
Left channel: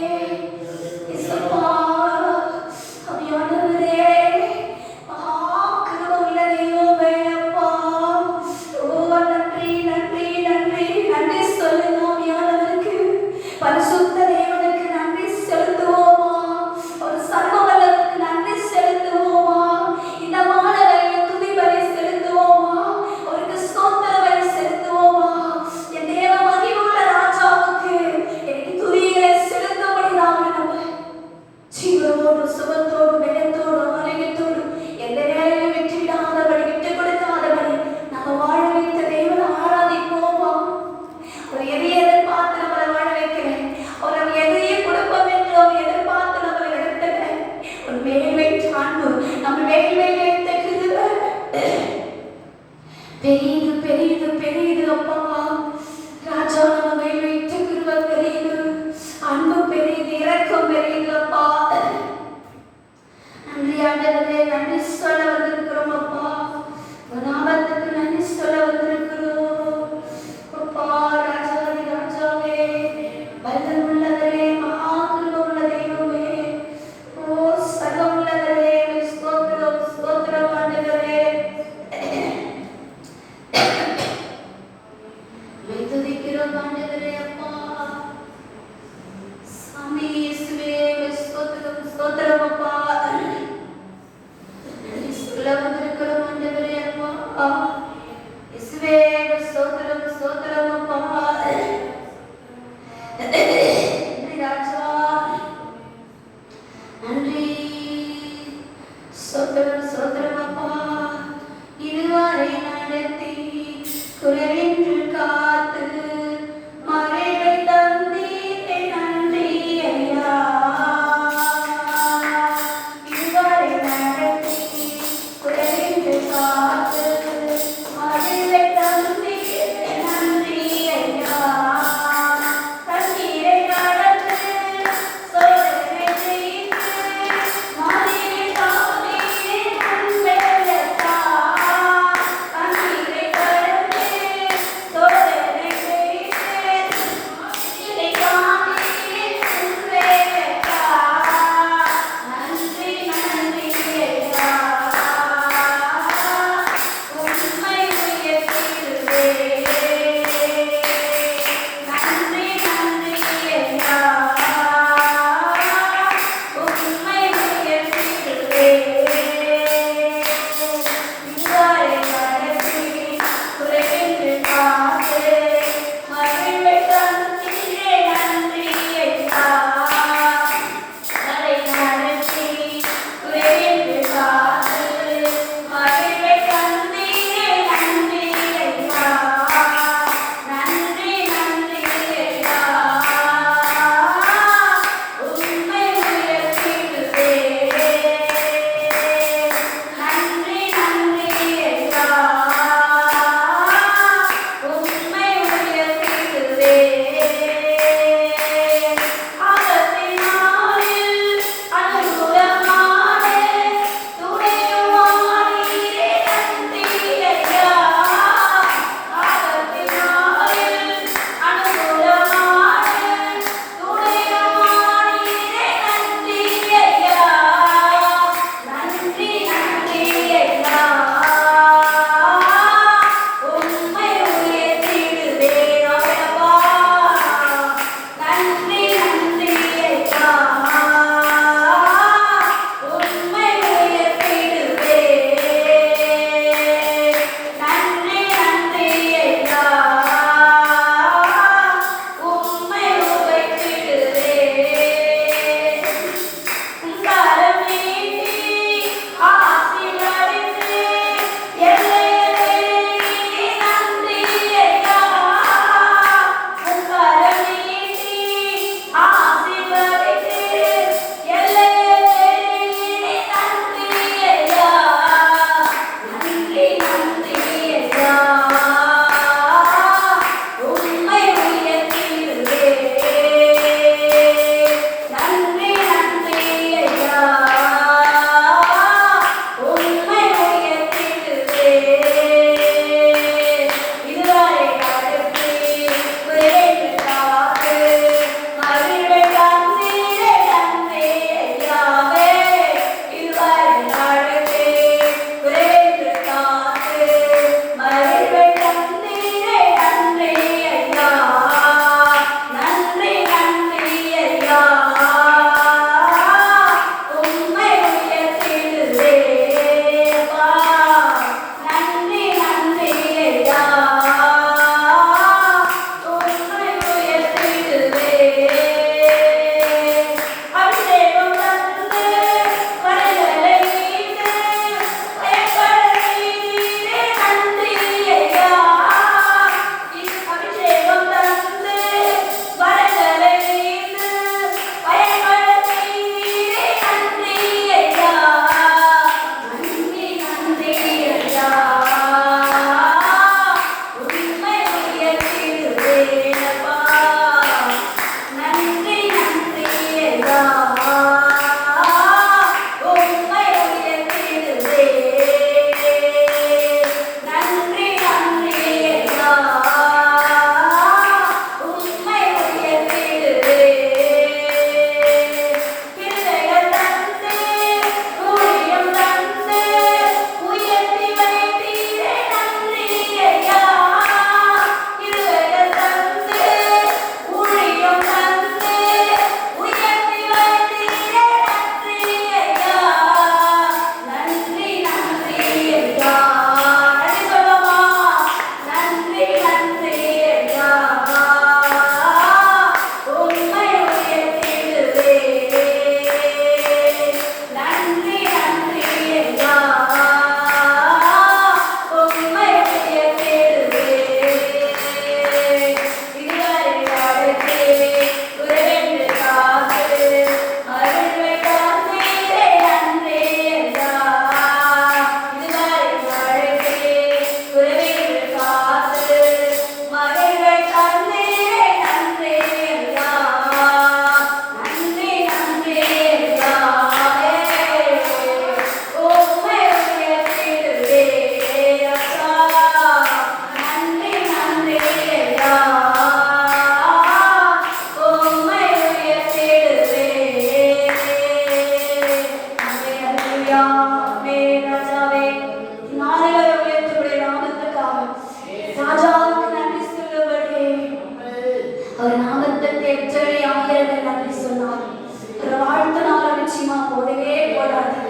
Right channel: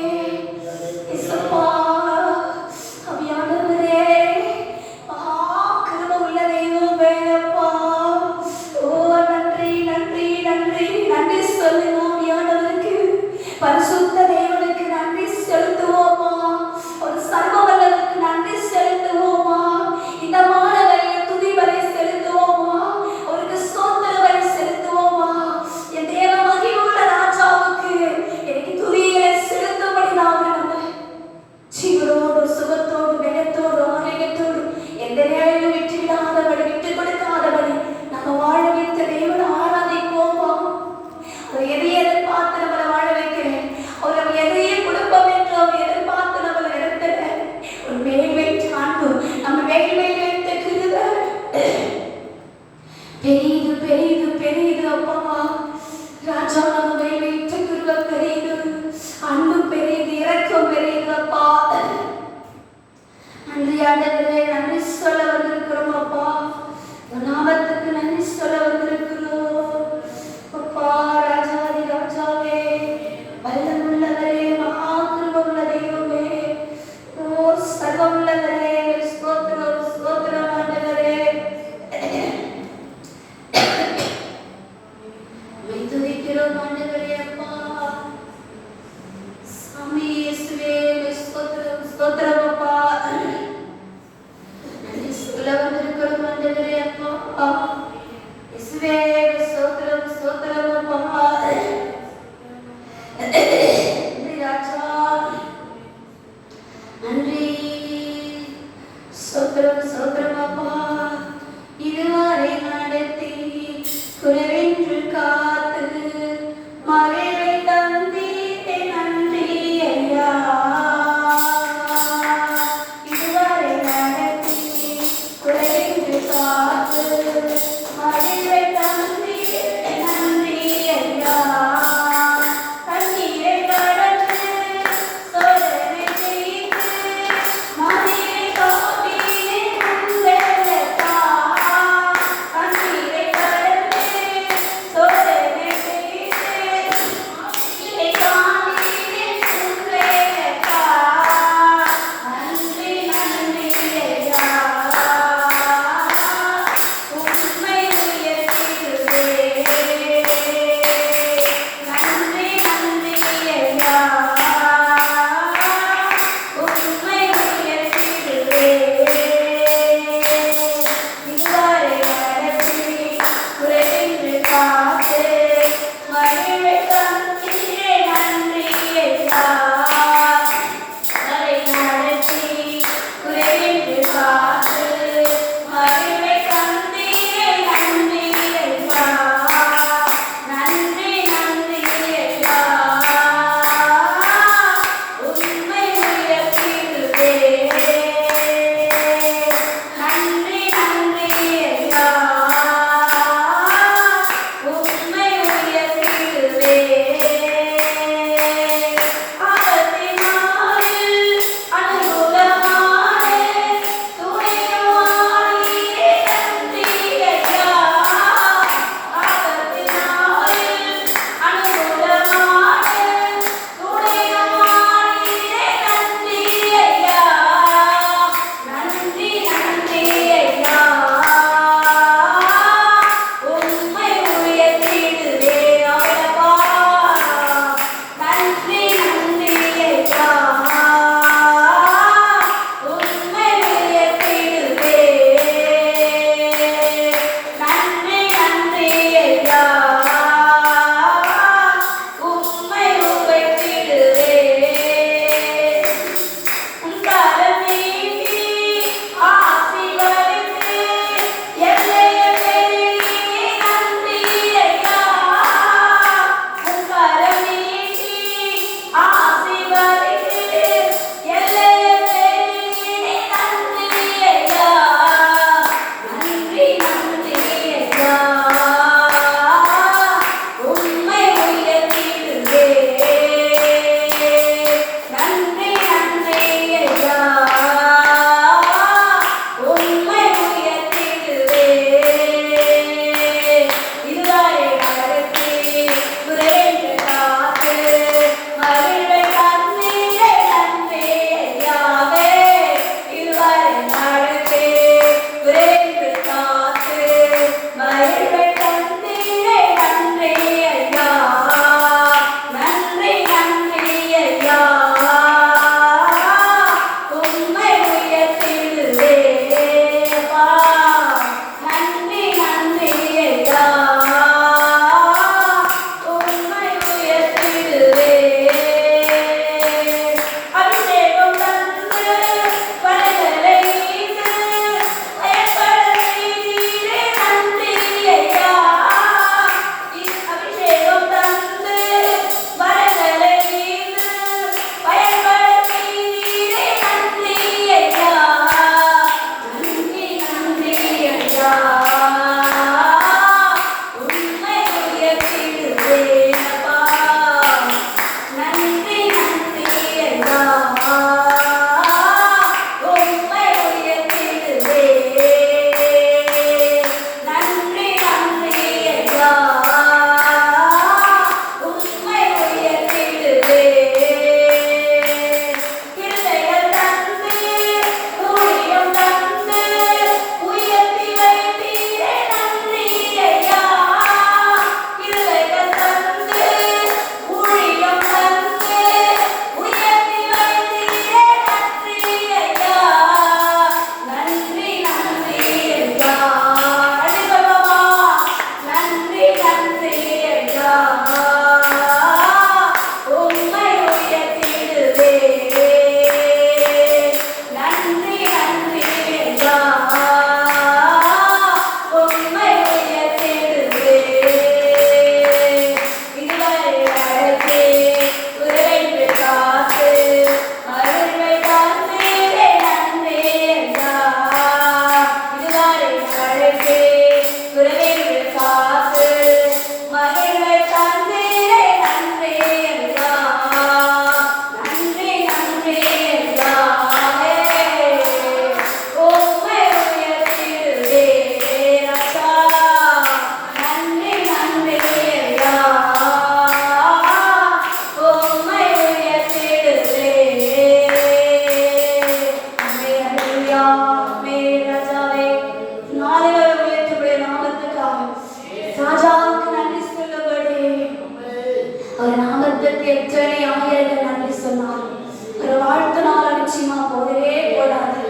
எத்தனை ஆயிரங்கள் நன்றி சொன்னாலும் ஒரு வாழ்த்தினால நிச்சயமா போதவே போடாது.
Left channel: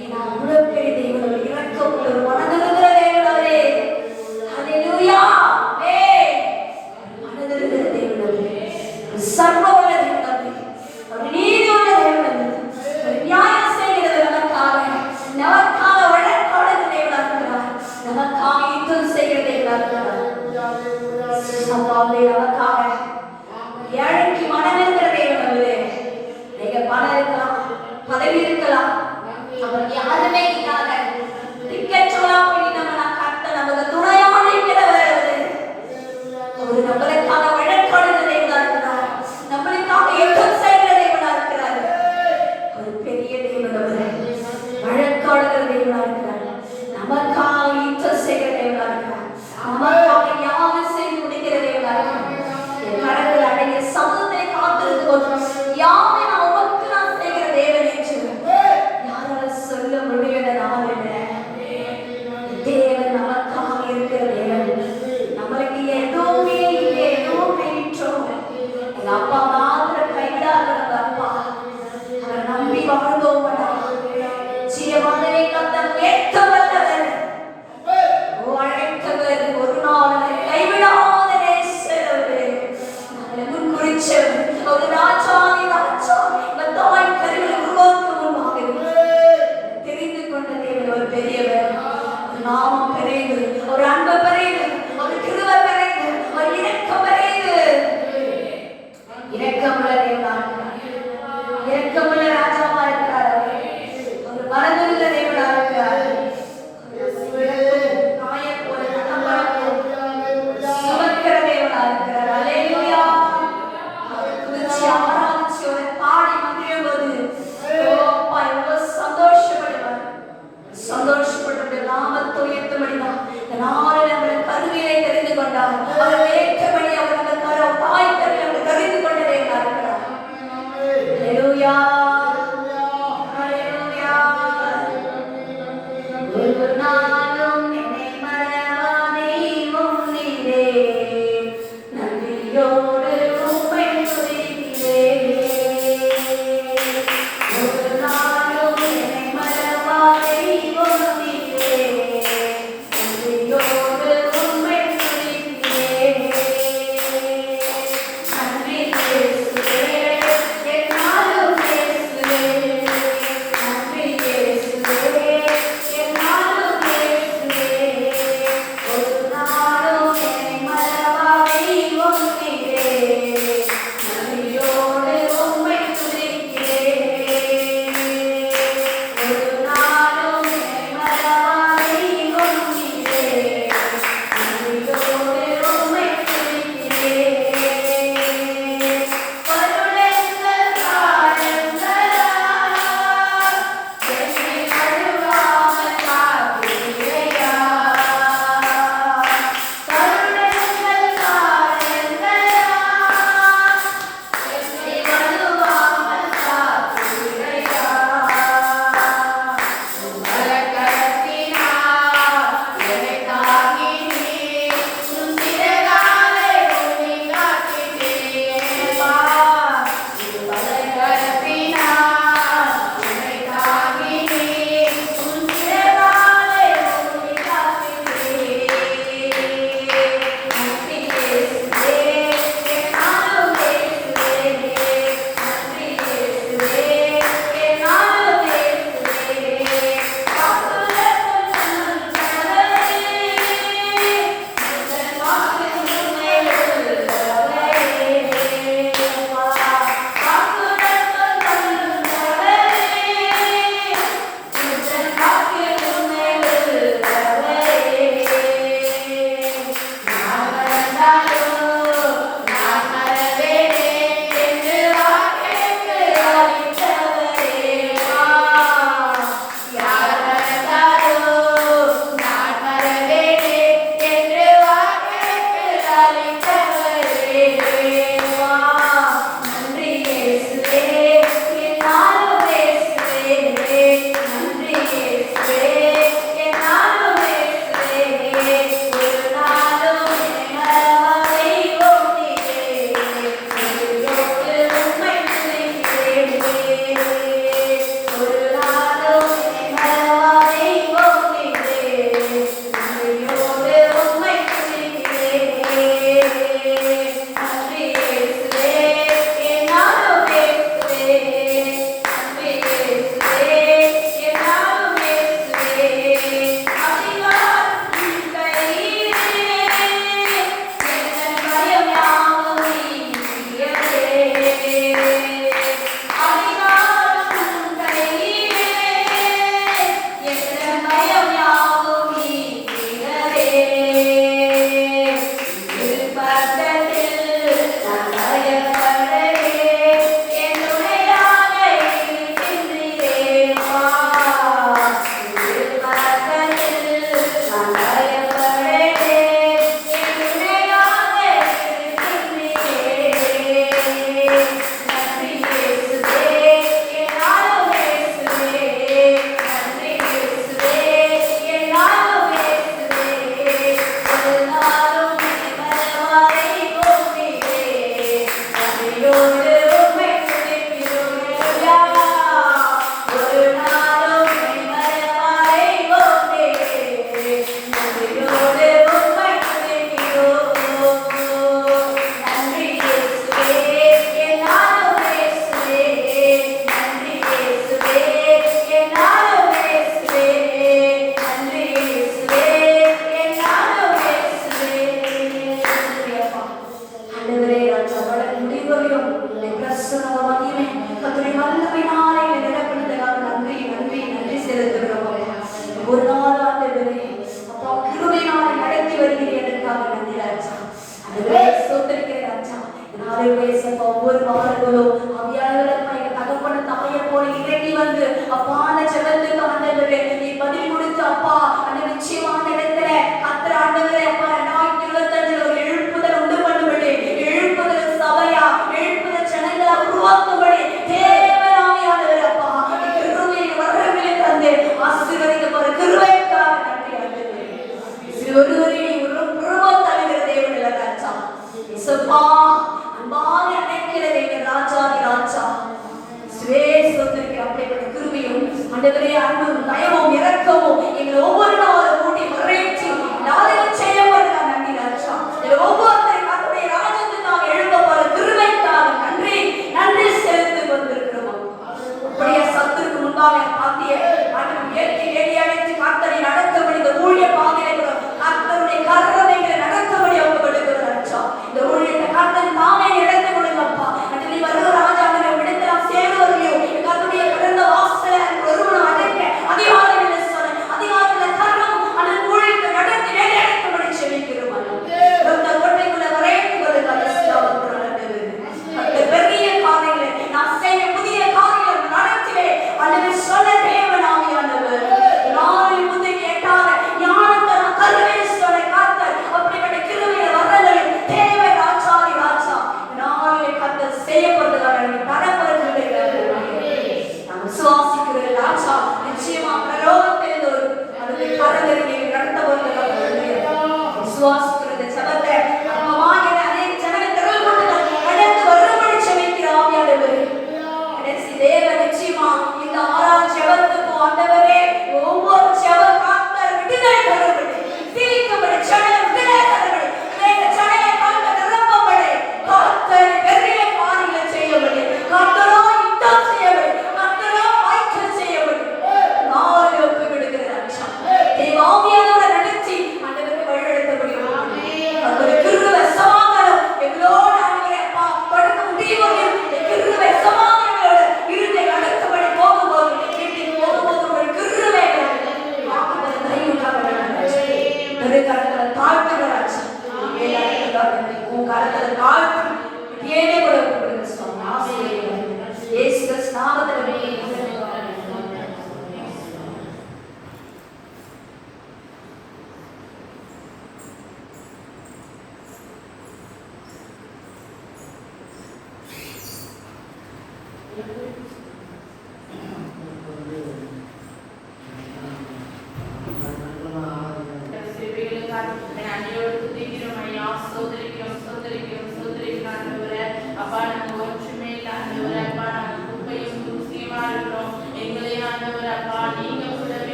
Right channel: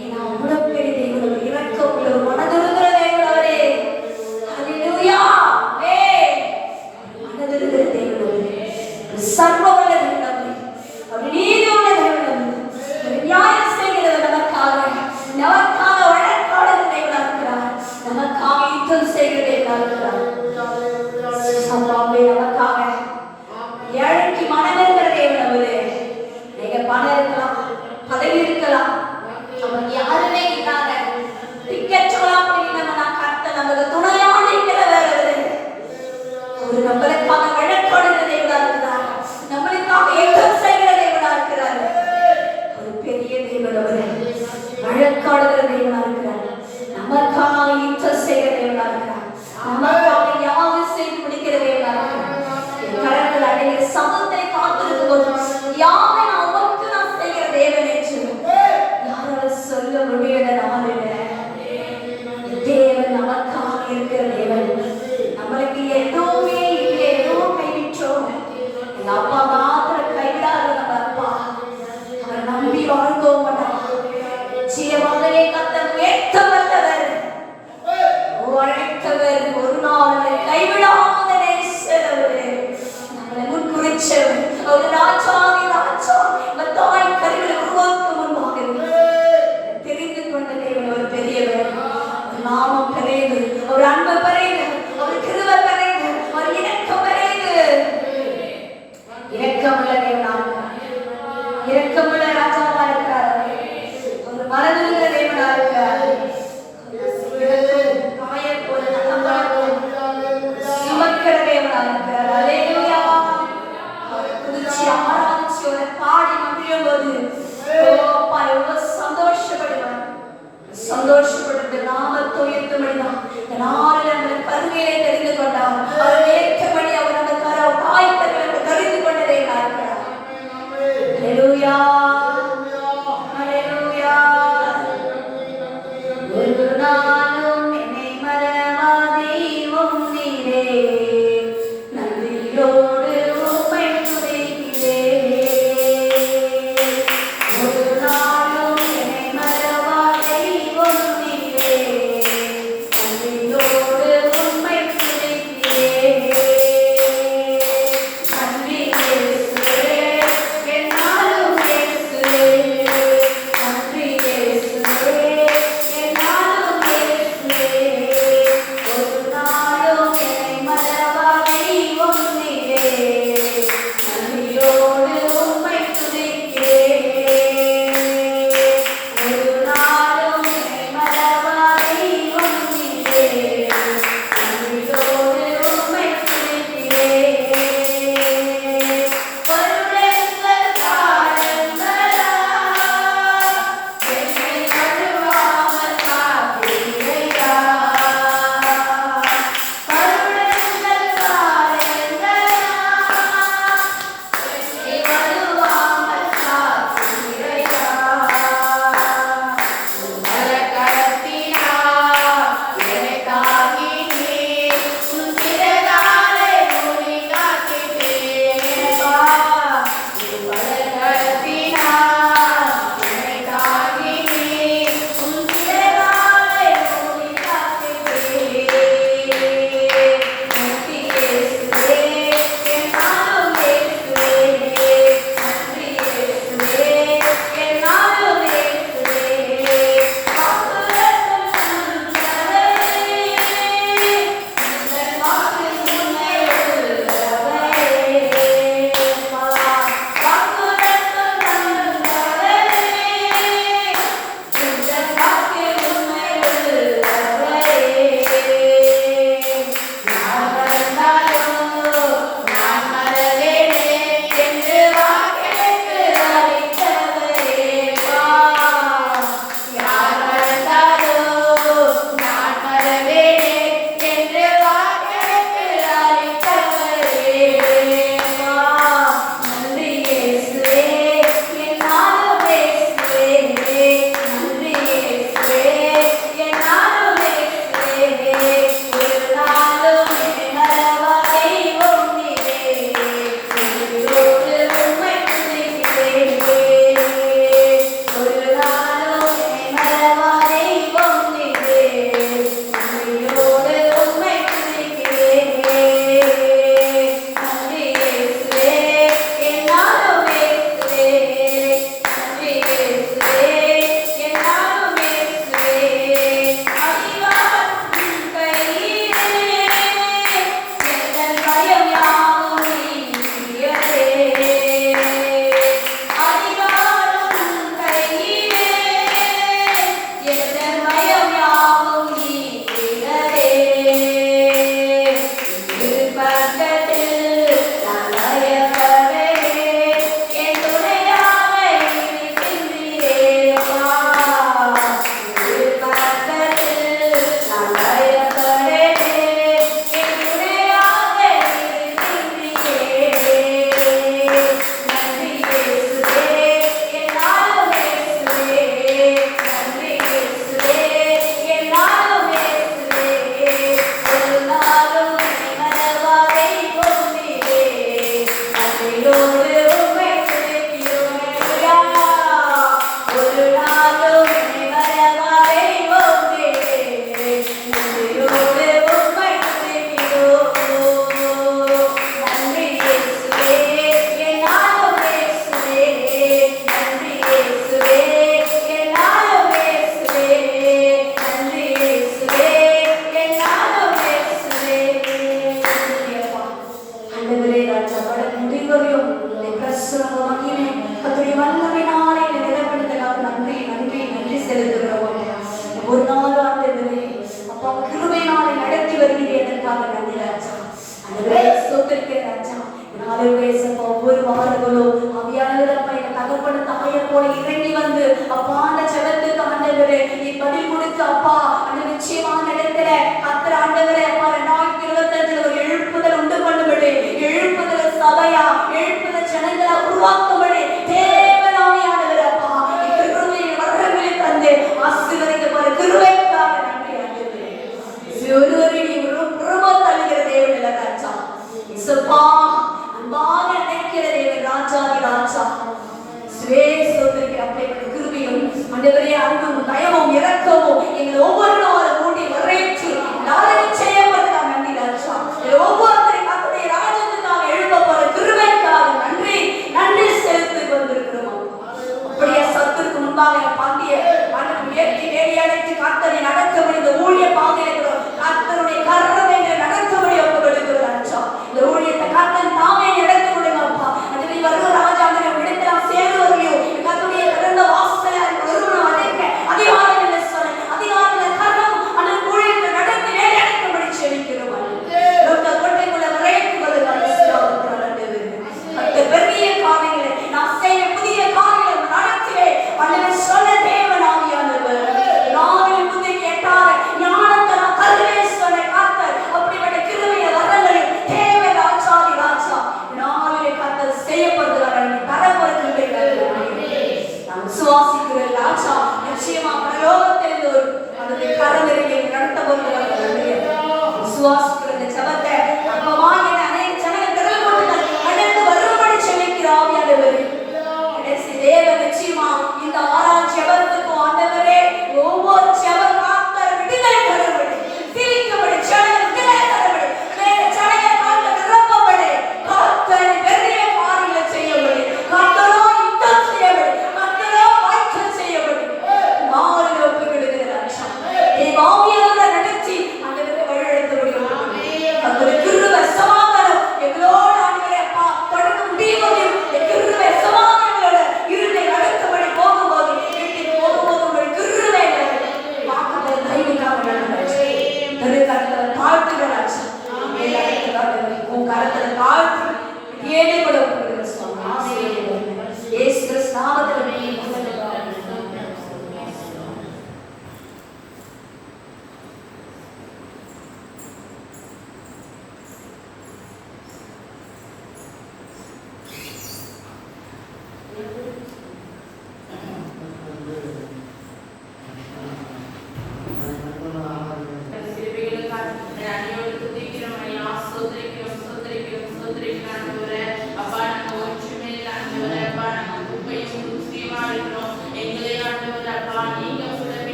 ஏன்னா அவ்வளவு பெரிய தேவன், இறக்கமுள்ள ஒரு மனதிருக்கிற தேவனவரே. ஹல்லேலூயா. மனதிருக்கிற தேவனவரே, சர்வவல்ல தேவனவரே, ஒரு நீதியுள்ள தேவனவரே, ஒரு நியாயம் செய்கிறவர் நமக்காக வழக்காடுகிற தேவனாக இருக்கிறார். நமக்காக யுத்தம் செய்கிற தேவனாக இருக்கிறார். நமக்காக ஏழைக்கு மனம் இருக்கிற தேவனவரே. நீங்க பணம் இருக்கலாம், பதவி இருக்கலாம், நமக்கு யாருமே இல்லாத திக்கற்றவர்களாக நம்ம கர்த்தர் நமக்கு துணையாக இருக்கிறவர். ஒரு நம்மளுக்காக வழக்காடுகிற தேவனாக இருக்கிறார். நம்மளுக்காக யுத்தம் செய்கிற தேவனாக இருக்கிறார். ஒரு பெரிய தேவனவரே, வழக்காடுகிற தேவனாக இருக்கிறார். நமக்காக யுத்தம் செய்கிற தேவனாக இருக்கிறார். நமக்காக யாவும் செய்து முடிக்கிற தேவனாக இருக்கிறார். என் கரங்கள் அடைய சமத்தை காத்திருக்கும் யாவை நான் உமக்கு நான் செய்கிற தேவன் என்று யாராலும் சொல்ல முடியாத நாம தேவன் நமக்காக இருக்கிற தேவன். நம்மளுக்கு எதுவுமே இல்லை, எதுவுமே விட்டோம். எங்க அப்பா மாத்திர கைவிடாத நம்ம அப்பா, அவரை நம்பி வாழ்ந்தோம். ஜீவமகனே கர்த்தர் உயர்த்த வல்லவர், அழைத்தவர், ஒரு நாள் கைவிடாத நேசரவர், நம்மளை முன்குறிச்சவர், ஒரு ராஜாதி ராஜா, தாய் கருவில உருவாக்க முன்பாக தெரிந்து கொண்ட தேவன் ஒரு பெரியவர். ஒரு நாமம் பெரியது, ஒரு அன்பு பெரியது, ஒரு கிருபை பெரியது, ஒரு இரக்கம் பெரியது. இரக்கமுள்ள தேவனாக, இரக்கமுள்ள ராஜாவா இருக்கிறார். ஒரு மனதிருக்கிற தேவனாக இருக்கிறார். சுமக்கிற தேவனாக இருக்கிறார். அல்லேலூயா. குறிச்சி ஆராய்ச்சி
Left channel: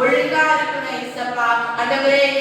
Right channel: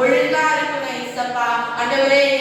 ஒழுங்கா இருக்கணும் ஏசப்பா. ஆண்டவரே